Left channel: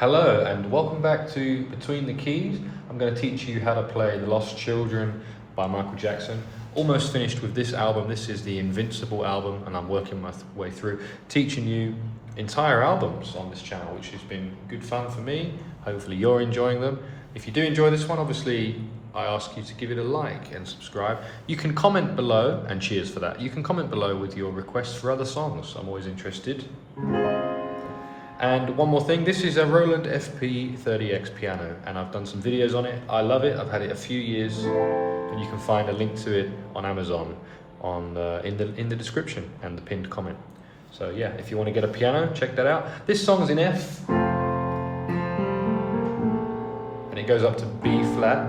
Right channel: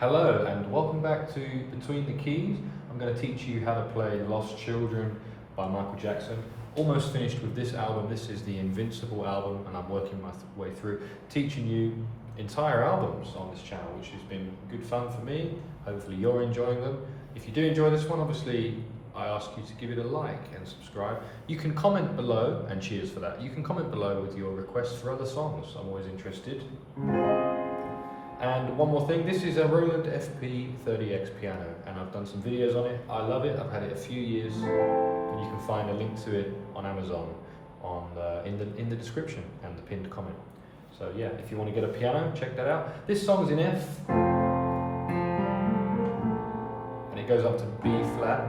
Hello and welcome back to Between the Keys. I'm going to teach you how to play Lost Children by Michael Jackson. Almost finished with this album. This is the Invincible album and I'm working my way through teaching you entire albums on this channel, which has been good fun for me. Hopefully you're enjoying them. If you do enjoy this one, obviously I ask you to give it a like and subscribe. You can comment below, and cheers for that. You can comment below with your requests for other songs. I'm always interested. And one more thing, this is a Roland FP-30X piano and I've done some videos on it. I love it, I've had it a few years and you can find a link to it on Amazon in the description and the pinned comment. So yeah, if you want to get a piano, check that out. This song's in F and it goes up to B flat.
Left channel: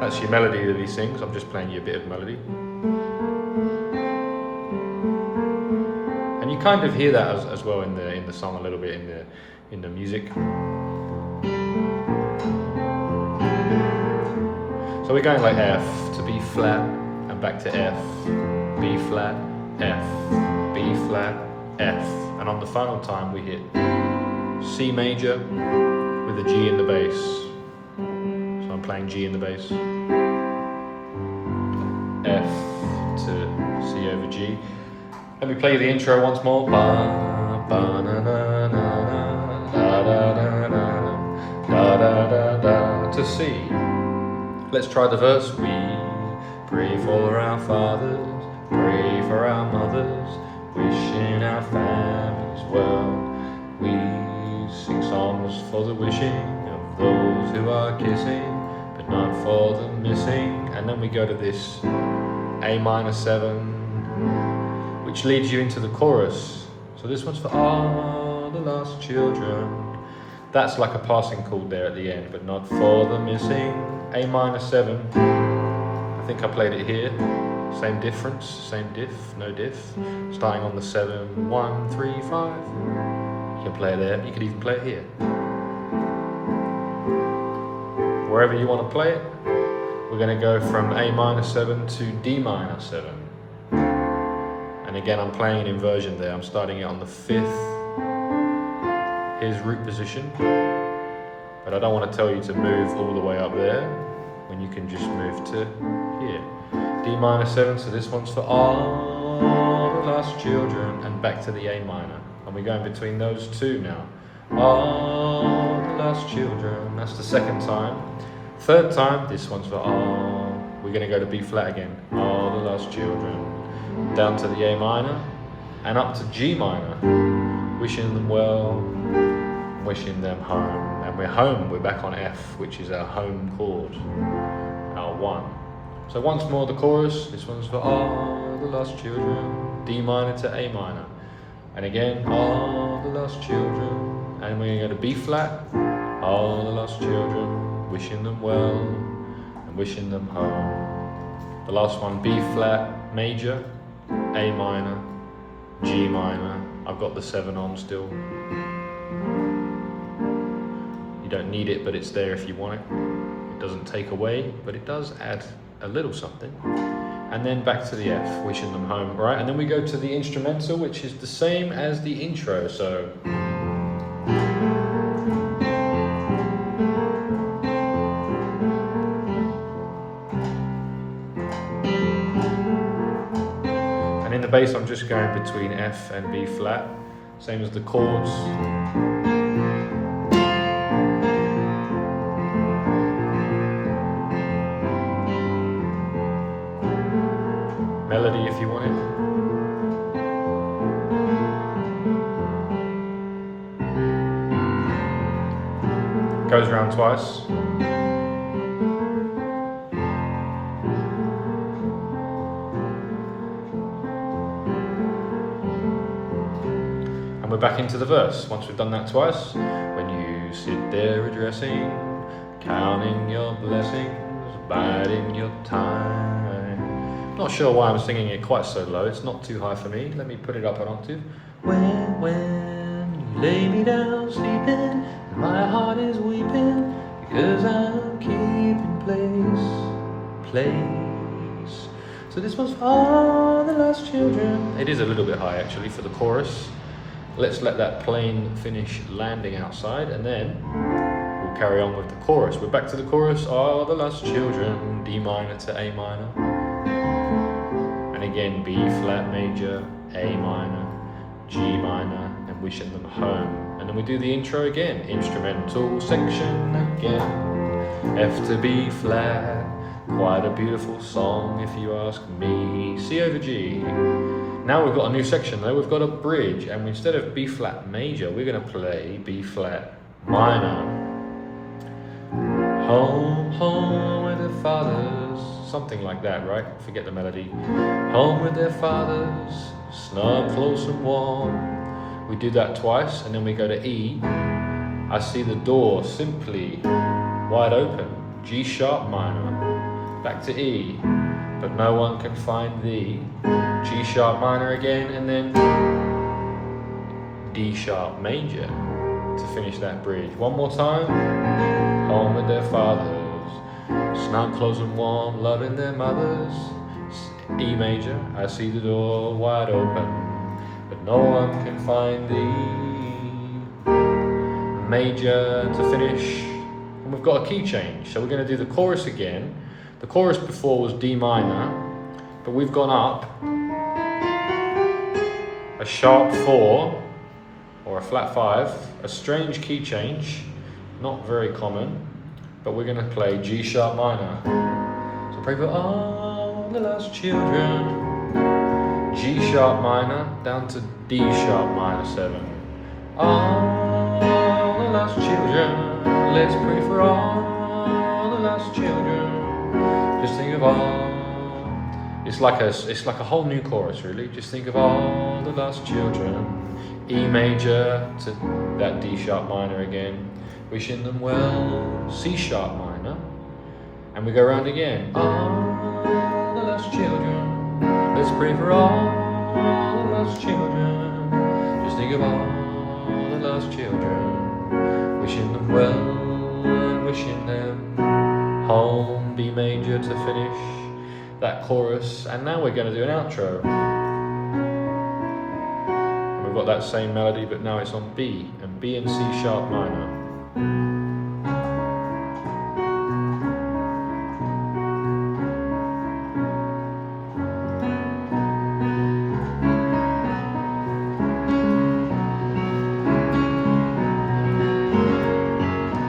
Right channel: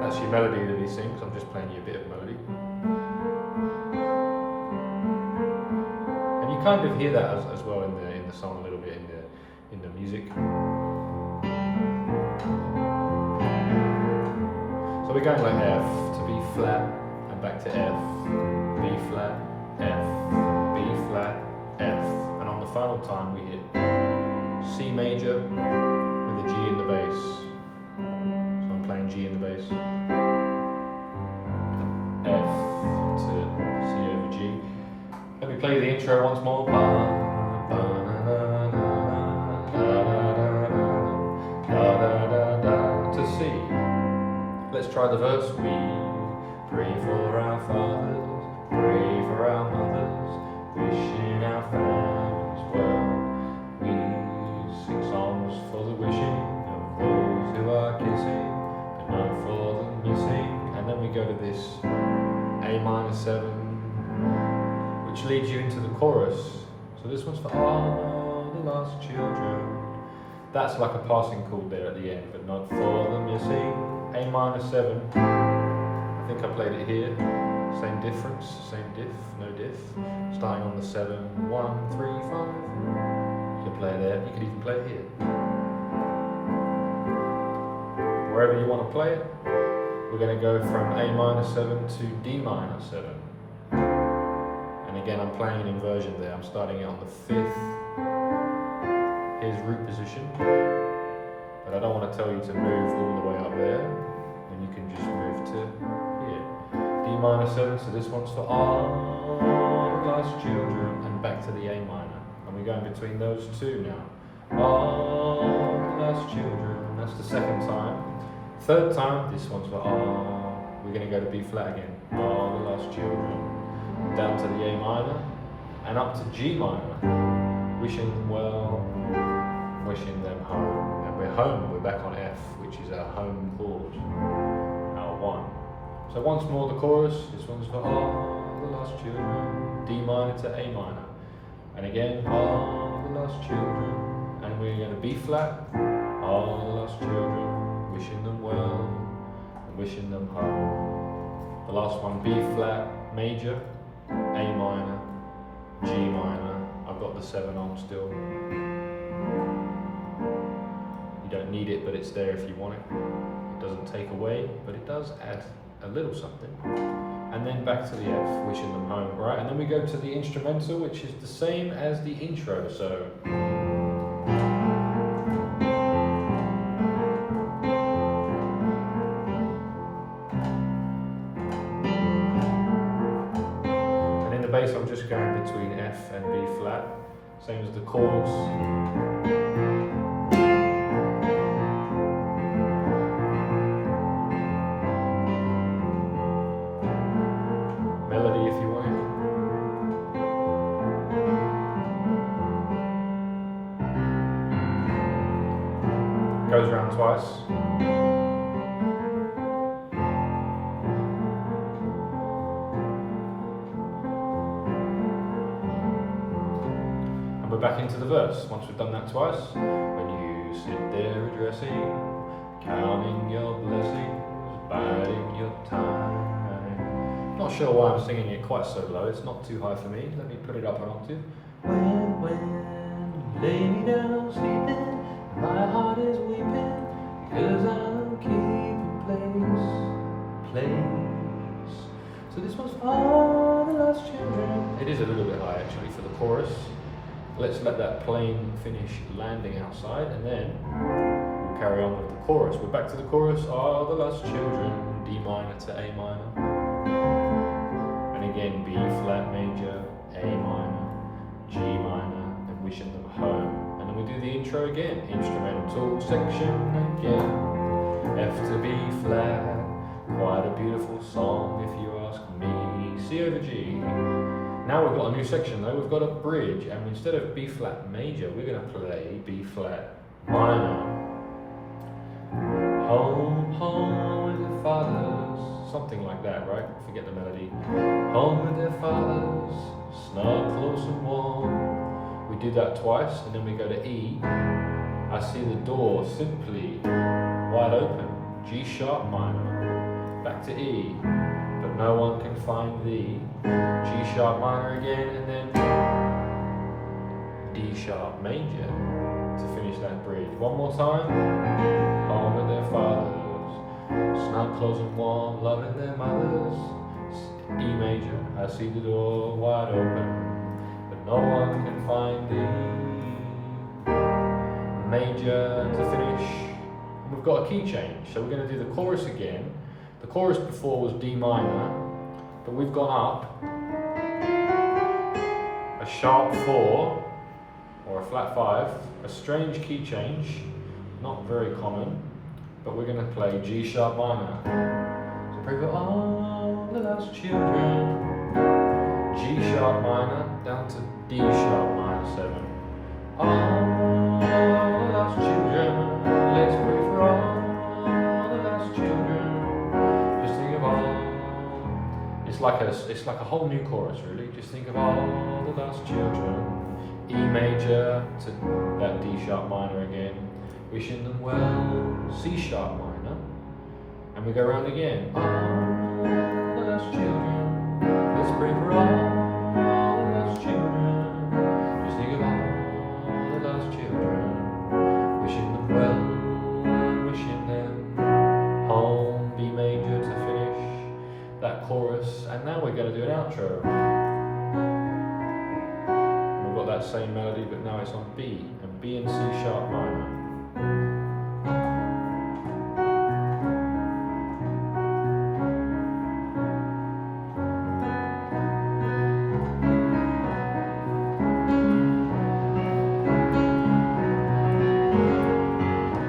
That's your melody that he sings. I'm just playing you a bit of melody. And you kind of hear that as well in the song a little bit in the music. So we're going like F to B flat and back to F, B flat, F, B flat, F. And on the final time we hit C major with a G in the bass. So I'm playing G in the bass. F to C over G. Let me play the intro once more. Ba, ba, na, na, na, da, da, da, da, da, da, da, to C. Let's try the verse. We pray for our fathers, pray for our mothers, wishing our families well. We sing songs for the wishing of those who are kissing, but not for the missing. And then we go to this A minor 7, which leads you into the chorus. So this one's for all the lost children. That's like a passing chord there at the end, but not for the missing. A minor 7. I think I played it here. Same difference, same diff, no diff. Starting on the 7, 1, 3, 5. You can play it there. You could even play it here. Wherever you want to play it, we're going to go from A minor 7 to D minor 7. And again, I'm playing an inversion there. I'm starting it on the 5th. Here's root position. But I don't want to tell you to move all the way up there when you can just move to here. D minor 7, so this one's for all the lost children, and back to the A minor. And we're going between those two now. All the lost children, that's the second time. Third time, this one's for all. We're going to go to B flat again. All the lost children. Down to the A minor and up to G minor, wishing them well, wishing them home. And we're home, we're back on F, which is our home chord, our 1. So once more the chorus, this one's for all the lost children, D minor to A minor. And again, all the lost children, and we're going to B flat, all the lost children, wishing them well, and wishing them home. The last one, B flat major, A minor, G minor. I've got the 7 on still. You don't need it, but it's there if you want it. It doesn't take away, but it does add a little something. And then back to the F, wishing them home, right? And then we go to the instrumental, which is the same as the intro, so. Bass, I'm just going between F and B flat, same as the chords. Melody if you want it. Goes around twice. We're back into the verse. Once we've done that twice, when you sit there addressing, counting your blessings, biding your time. Not sure why I'm singing it quite so low. It's not too high for me. Let me put it up an octave. When you lay me down sleeping, my heart is weeping because I'm keeping place. So this one's for all the lost children. It is a little bit high actually for the chorus. let's let that plane finish landing outside, and then we'll carry on with the chorus. We're back to the chorus. Oh, the lost children, D minor to A minor. And again, B flat major, A minor, G minor, and wishing them home. And then we do the intro again, instrumental section again. F to B flat, quite a beautiful song if you ask me. C over G. Now we've got a new section though, we've got a bridge, and instead of B flat major, we're going to play B flat minor. Home, home with their fathers, something like that, right? Forget the melody. Home with their fathers, snug, close and warm. We do that twice, and then we go to E. I see the door simply wide open, G sharp minor. Back to E, but no one can find the G sharp minor again, and then D sharp major to finish that bridge. One more time. Home with their fathers, snug, close and warm, loving their mothers. E major, I see the door wide open, but no one can find the major to finish. And we've got a key change, so we're going to do the chorus again. The chorus before was D minor, but we've gone up a sharp 4 or a flat 5, a strange key change, not very common, but we're going to play G sharp minor. So pray for all the lost children, G sharp minor down to D sharp minor 7. All the lost children, let's pray for all the lost children. Just think of all. It's like a whole new chorus, really. Just think of all the lost children. E major to that D sharp minor again. Wishing them well. C sharp minor, and we go around again. All the lost children. Let's pray for all the lost children. Just think of all the lost children. Wishing them well and wishing them home. B major to finish that chorus, and now we're going to do an outro. We've got that same melody, but now it's on B, and B and C sharp minor.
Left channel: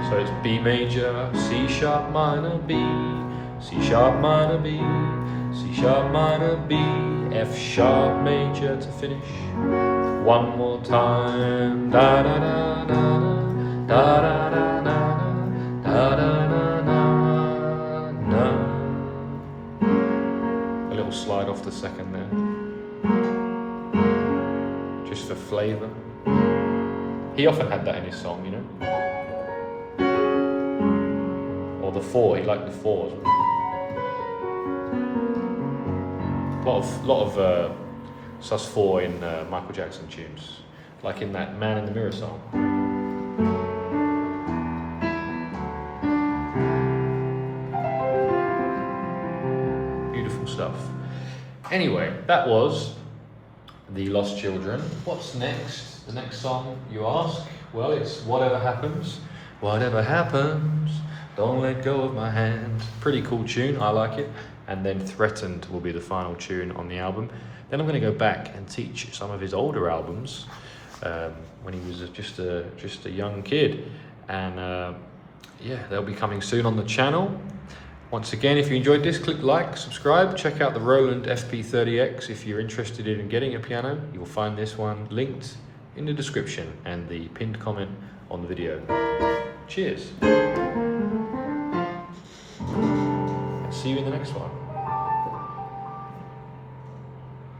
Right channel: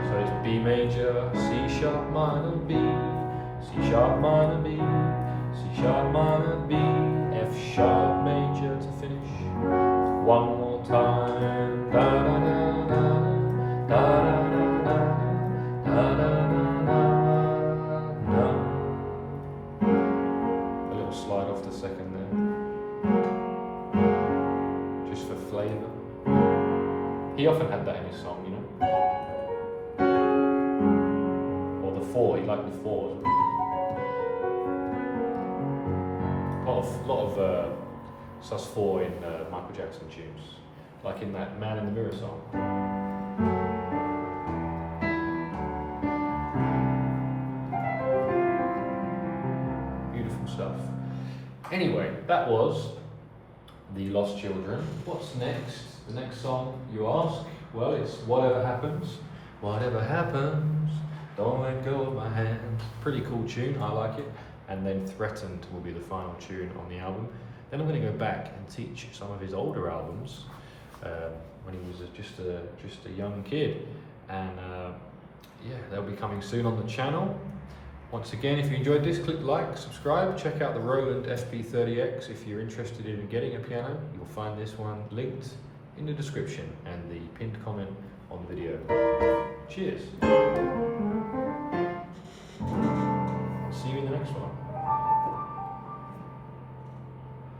So it's B major, C sharp minor, B, C sharp minor, B, C sharp minor, B, F sharp major to finish. One more time. Da da da da da da da da da da da da. A little slide off the second there, just for flavour. He often had that in his song, you know. Or the 4. He liked the 4. Lot of sus4 in Michael Jackson tunes, like in that Man in the Mirror song. Beautiful stuff. Anyway, that was The Lost Children. What's next? The next song, you ask? Well, it's Whatever Happens. Whatever happens, don't let go of my hand. Pretty cool tune, I like it. And then Threatened will be the final tune on the album. Then I'm going to go back and teach some of his older albums when he was just a young kid, and yeah, they'll be coming soon on the channel. Once again, if you enjoyed this, click like, subscribe, check out the Roland FP-30X if you're interested in getting a piano. You will find this one linked in the description and the pinned comment on the video. Cheers. See you in the next one.